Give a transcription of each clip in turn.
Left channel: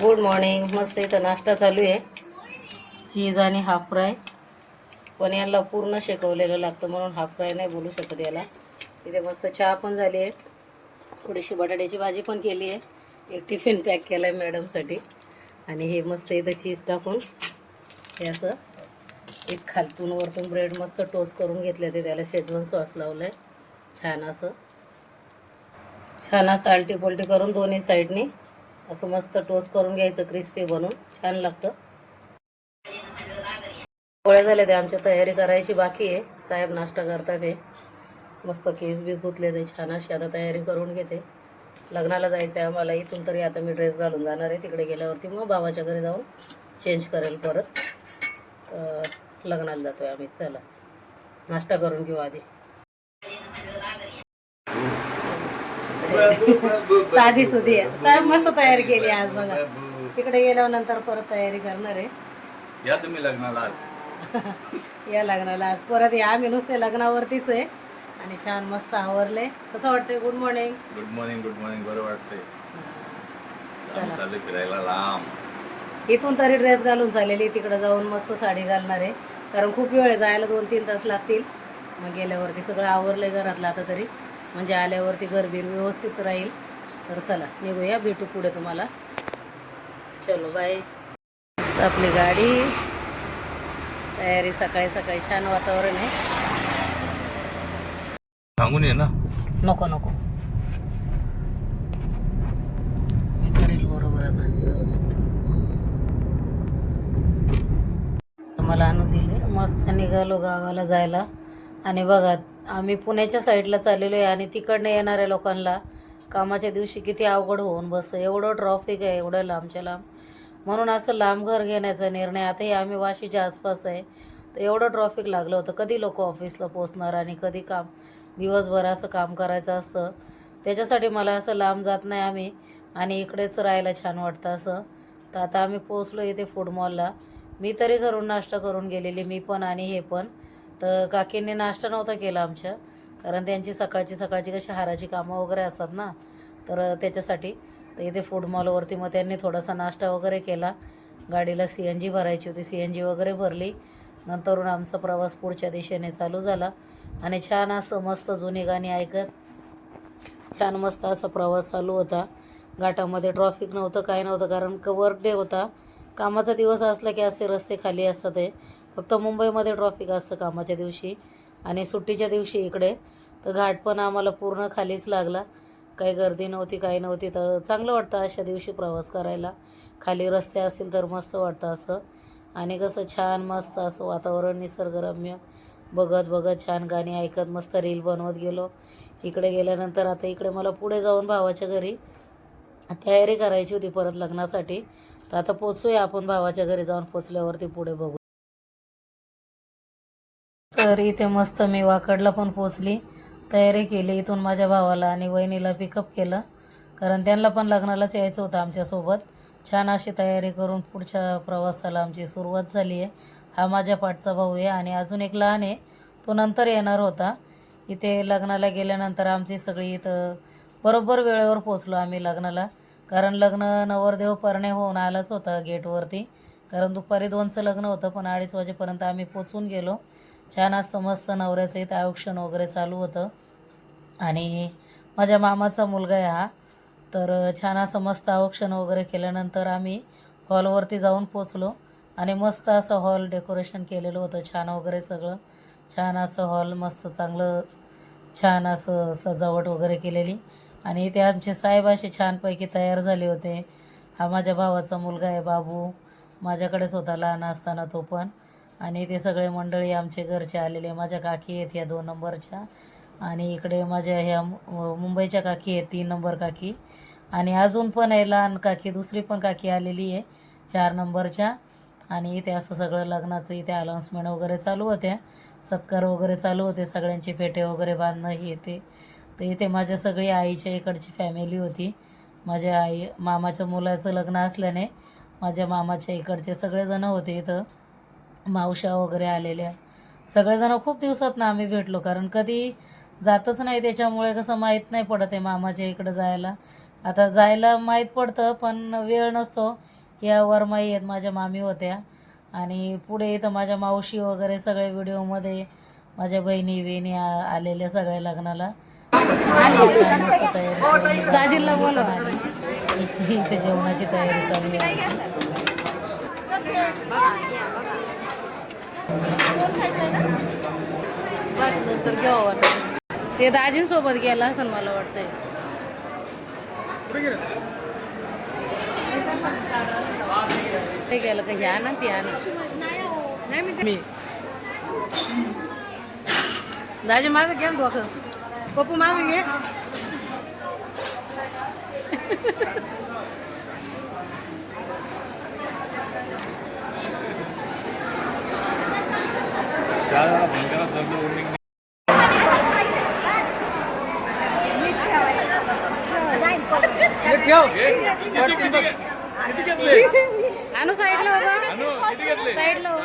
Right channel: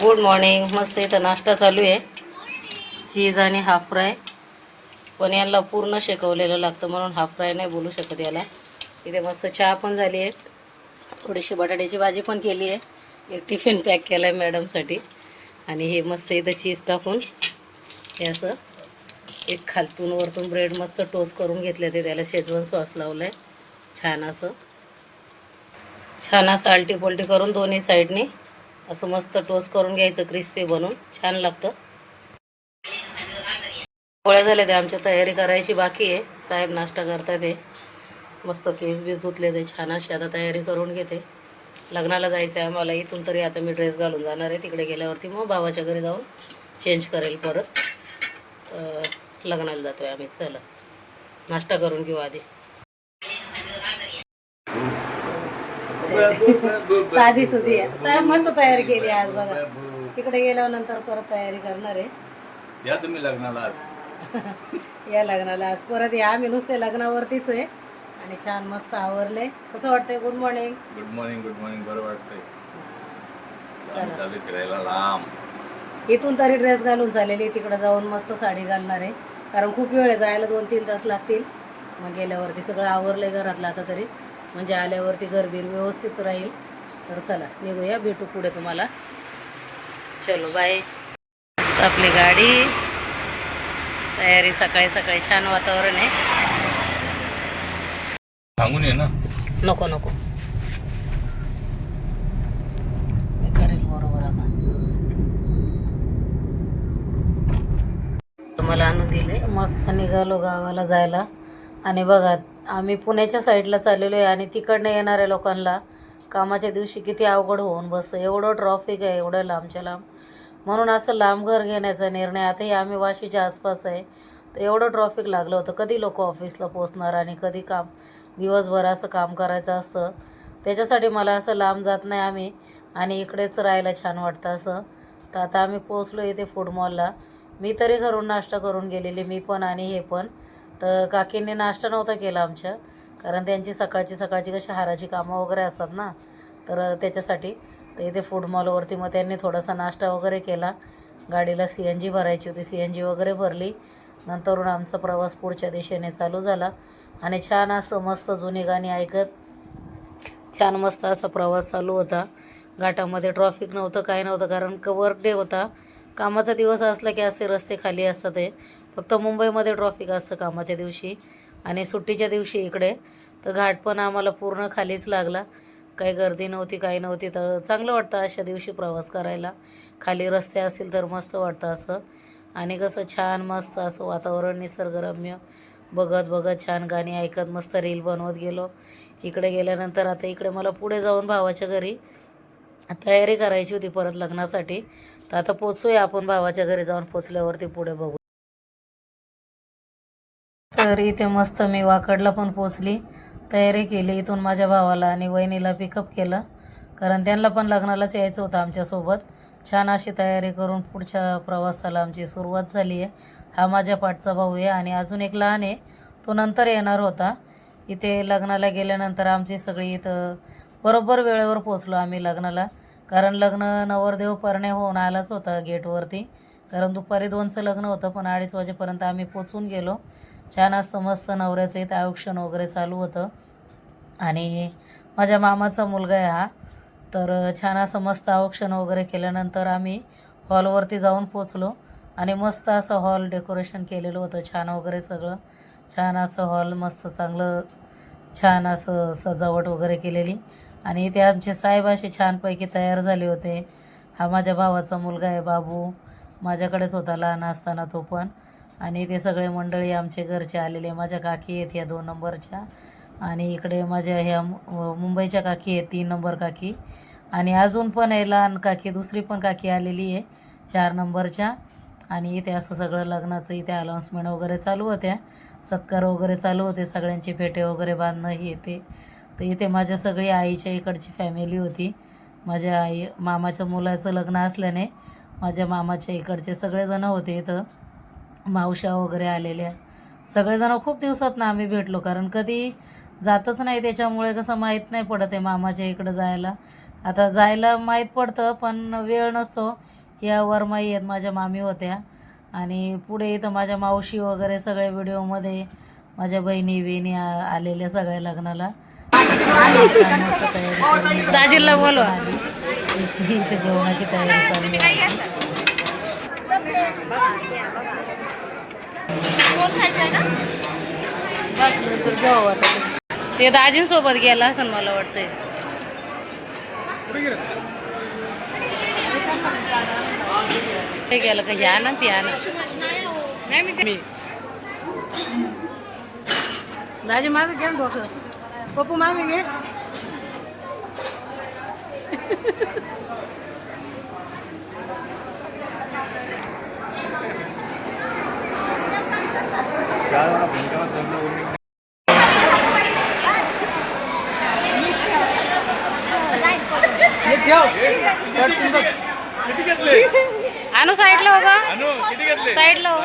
Good morning. मस्त इथं नाश्ता चालू आहे, चीज आणि हाफ फ्राय. पण याला पूर्ण शेकवलेलं लागतं म्हणून हाफ फ्राय नाही बोलू शकत याला. इथे मस्त चहा पण झाली आहे, थोडीशी बटाट्याची भाजी पण केली आहे, एक टिफिन पॅक केला आहे मॅडमसाठी. आणि हे मस्त इथं चीज टाकून हे असं एक खालतून वरतून ब्रेड मस्त टोस्ट करून घेतले ते, त्याला शेजवान सॉस लावलं आहे. छान असं आलटी पलटी करून दोन्ही साईडनी असं मस्त टोस्ट करून घ्यायचं, क्रिस्पी बनून छान लागतं. पोळ्या झाल्या ते आमच्या तयारी करायची बाकी आहे. साहेब नाश्ता करतात आहे, मस्त केस बीस धुतले ते, छान अशी आता तयारी करून घेते. लग्नाला जायचं आहे आम्हाला. इथून तरी आता मी ड्रेस घालून जाणार आहे, तिकडे गेल्यावरती मग भावाच्या घरी जाऊन चेंज करेल परत. लग्नाला जातो आहे आम्ही. चला नाश्ता करून घेऊ आधी. साधी सुधी आहे. साहेब मस्त तयारी केली आज बघा. तिकडे गेल्यानंतर परत तयारी करणार आहे. या तुम्ही लग्नाला आज. या लग्नाला आज परत या. आम्ही नुसते लग्नावरतीच आहे आणि छान मस्त आवरलंय. कसं वाटतंय? Good morning. Good morning. Good morning. बरं वाटतंय. चालू फिरायला लांब. इथून तरी ड्रेस घालून चाललेली, तिकडे जाऊन मस्त साडी घालणार आहे, कारण खूप वेळ आहे जायला, 2-3 तास लागतील. मग गेल्यावरती सगळं आवरलंय घरातलं आता तरी, म्हणजे आल्यावरती घरबीर व्यवस्थित राहील. तर चला निघूया, भेटू पुढे तुम्हाला. चलो बाय. आपली गाडी तयारी, सकाळी सकाळी छान वातावरण आहे. सांगून ये ना. नको नको, मी करेल बरोबर आता व्यवस्थित. मला आणून दिले. मस्त निघालो गावाला जायला. आणि बघा आम्ही पुण्याच्या साईडला चाललेलो आहे आणि तिकडनं येणाऱ्या लोकांना कामाच्या दिवशी किती अवघड होऊन बसतं. एवढं ट्रॉफिक आहे, एवढं लांबच्या लांब. म्हणून असं लांब घर घेण्याचा निर्णय. आताही आम्ही वाशीच्या आसपास आहे, तर एवढं ट्रॉफिक लागलं होतं. कधी लोक ऑफिसला पोचणार आणि कधी काम, दिवसभर असं काम करायचं असतं. त्याच्यासाठी मला असं लांब जात नाही आम्ही, आणि इकडेच राहायला छान वाटतं असं. तर आता आम्ही पोचलो इथे फूड मॉलला. मी तरी घरून नाश्ता करून गेलेली, मी पण आणि हे पण. तर काकींनी नाश्ता नव्हता केला आमच्या, कारण त्यांची सकाळची कशी हाराची कामं वगैरे असतात ना, तर त्याच्यासाठी. तर इथे फूड मॉलवरती मग त्यांनी थोडासा नाश्ता वगैरे केला. गाडीला CNG भरायची होती, CNG वगैरे भरली. नंतरून आमचा प्रवास पुढच्या दिशेने चालू झाला. आणि छान असं मस्त जुनी गाणी ऐकत छान मस्त असा प्रवास चालू होता. घाटामध्ये ट्रॉफिक नव्हतं, काय नव्हतं, कारण वर्क डे होता. कामाचा दिवस असला की असे रस्ते खाली असतात. ते फक्त मुंबईमध्ये ट्रॉफिक असतं कामाच्या दिवशी, आणि सुट्टीच्या दिवशी इकडे तर घाट पण आम्हाला पूर्ण खालीच लागला. काही गर्दी नव्हती, काही नव्हती. तर चांगलं वाटतं अशा दिवशी प्रवास करायला. खाली रस्ते असतील तर मस्त वाटतं असं. आणि कसं छान मस्त असं वातावरण निसर्गरम्य, बघत बघत छान गाणी ऐकत मस्त रील बनवत गेलो. इकडे गेल्यानंतर आता इकडे मला पुढे जाऊन भावाच्या घरी तयारी करायची होती परत लग्नासाठी. तर आता पोचूया आपण, भावाच्या घरी जाऊन पोचल्यावरती पुढे बघू. तर इथे मस्त मी वाकडला पण पोचली, तयारी केली. इथून माझ्या भावाला आणि वहिनीला पिकअप केलं, कारण त्यांना पण लग्नालाच यायचं होतं आमच्यासोबत. छान अशी तयारी करून पुढच्या प्रवासाला आमची सुरुवात झाली आहे. हा माझ्या पाठचा भाऊ आहे आणि अजून एक लहान आहे, तो नंतर येणार होता. इथे लग्नाला गेल्यानंतर आमची सगळी इथं बरोबर वेळेवर पोचलो आम्ही लग्नाला, कारण लग्न नवरदेव परणे होऊन आलाच होता गेटवरती. कारण दुपारी 2चं लग्न होतं, पण 2:30 वाजेपर्यंत आम्ही पोचून गेलो. छान असं मस्त नवऱ्याचं इथं औक्षण वगैरे चालू होतं. आणि माझ्या मामाचा मुलगा आहे हा. तर छान असं मस्त औक्षण वगैरे केल्यानंतर आम्ही हॉलवरती जाऊन पोचलो. आणि मस्त असं हॉल डेकोरेशन केलेलं होतं, छान वगैरे सगळं. छान असं हॉल मस्त चांगलं, छान असं सजावट वगैरे केलेली. आणि इथे आमचे साहेब असे छानपैकी तयार झाले होते. हा माझ्या भावाचा मुलगा आहे बाबू, माझ्याकडेच होता लहान असताना तो पण. आणि ते सगळे मंडळी आमचे घरचे आलेले. माझ्या काकी आहेत ह्या 2 नंबरच्या, आणि इकडे माझ्या ह्या मुंबईच्या काकी आहेत 3 नंबर काकी. आणि अजून पण आहे लहान काकी, दुसरी पण काकी आलेली आहे 4 नंबरच्या. आणि इथे असं सगळं लग्नाचं इथे अनाउन्समेंट वगैरे चालू होत्या, सत्कार वगैरे चालू होते, सगळ्यांचे फेटे वगैरे बांधणं हे ते. तर इथे माझ्या सगळी आईच्या इकडची फॅमिली होती. माझ्या आई मामाच्या मुलाचं लग्न असल्याने माझ्या मामाच्या इकडचे सगळेजण होते इथं. मावशा वगैरे आलेल्या, सगळेजण खूप दिवसात ना आम्ही भेटलो, कारण कधी जातच नाही, त्याच्यामुळे कसं माहीत नाही पडत आहे मामाच्या इकडं जायला. आता जायला माहीत पडतं पण वेळ नसतो. या वरमाई आहेत माझ्या मामी होत्या आणि पुढे इथं माझ्या मावशी वगैरे सगळे व्हिडिओमध्ये माझ्या बहिणी आलेल्या सगळ्या लग्नाला. छान मस्त तयारी करून दाजीला बोलवा. इथं जेवणाची तयारी चालू आहे. ते दाजींसोबत गेला असं मला वाटतंय. ते गेलं का ह्या ना ती ना मी दाजी मागे घे डोकं. पप्पू मागे घे. आणू साईडला हो का साईडला हो.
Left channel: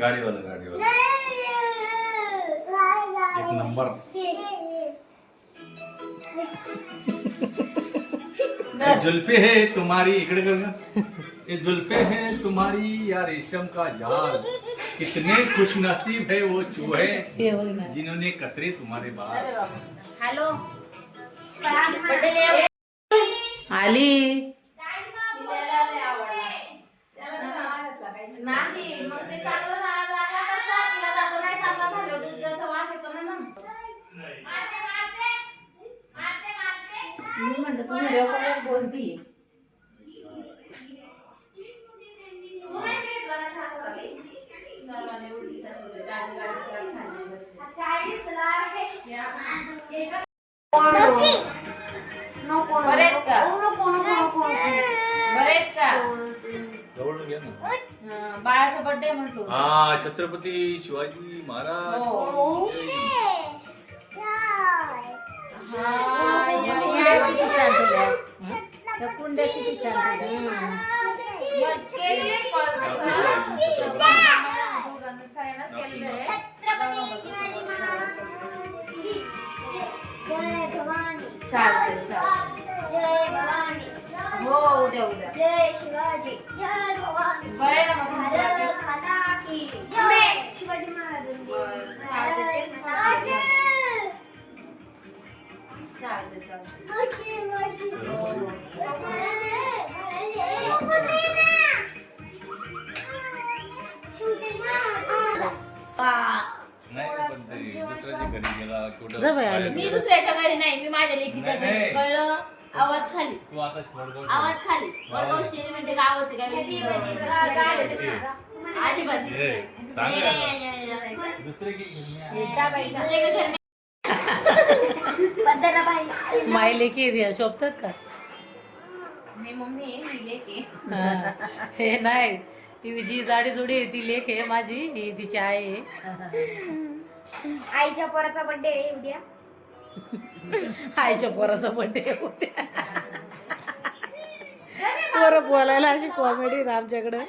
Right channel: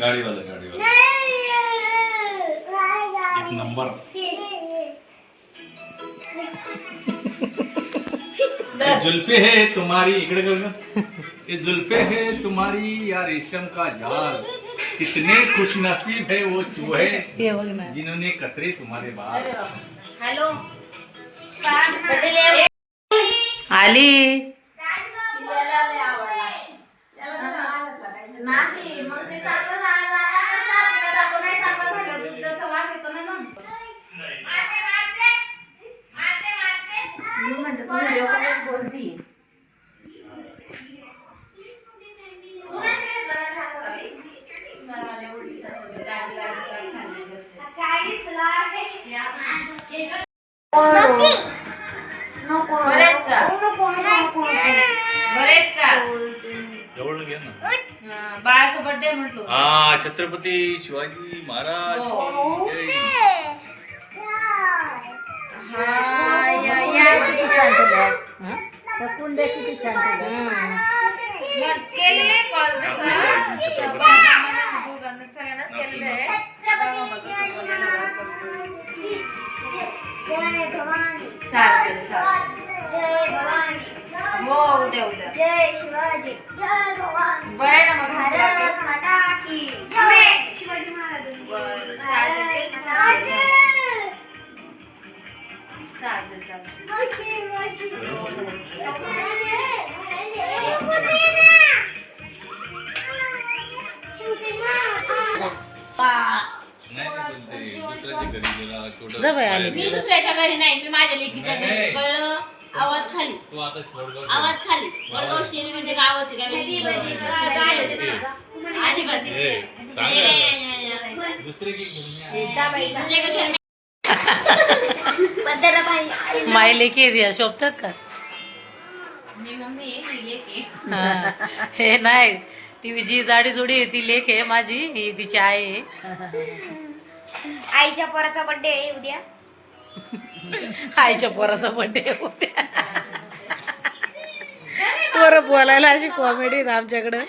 गाडीवाला एक नंबर. जुल्फे है तुम्हारी इकडे कर का. ये जुल्फे है तुम्हारी या रेशम का जाल, कितने खुश नसीब है वो चूहे जिन्होंने कतरे तुम्हारे बाल. हॅलो आली. नाही मग ते चांगलं नाही चांगलं झालं दुधाचा वास येतो ना. मग मी म्हणते तू व्हिडिओ कॉल बोलती. जवळ घे ना. बाळाचा बर्थडे म्हटलो. हा छत्रपती शिवाजी महाराज. कुंड्या किती छान केलेले कॉल सगळ्यांनाच केलेले आहे. चालते हो उद्या उद्या. जय शिवाजी जय भवानी. बरं आहे ना मग भारत माता की जय. शिवाजी महाराज. चालते तेच चालते जा बाई आली. मी दुसऱ्याच्या घरी नाही, मी माझ्या लेकीच्या घरी. कळलं. आवाज खाली आवाज खाली. वडगाव शेरी म्हणजे गावच आहे अजिबात माय लेकी शोभतात का. मी मम्मी आहे, मी लेक आहे. हा. हे नाही ती जी जाडी जोडी आहे ती लेक आहे माझी, ही तिची आई आहे. आईच्या पोराचा बर्थडे आहे उद्या. आईच्या पोराचा बर्थडे होत्या. पोरं बोलायला अशी कॉमेडी आमच्याकडं.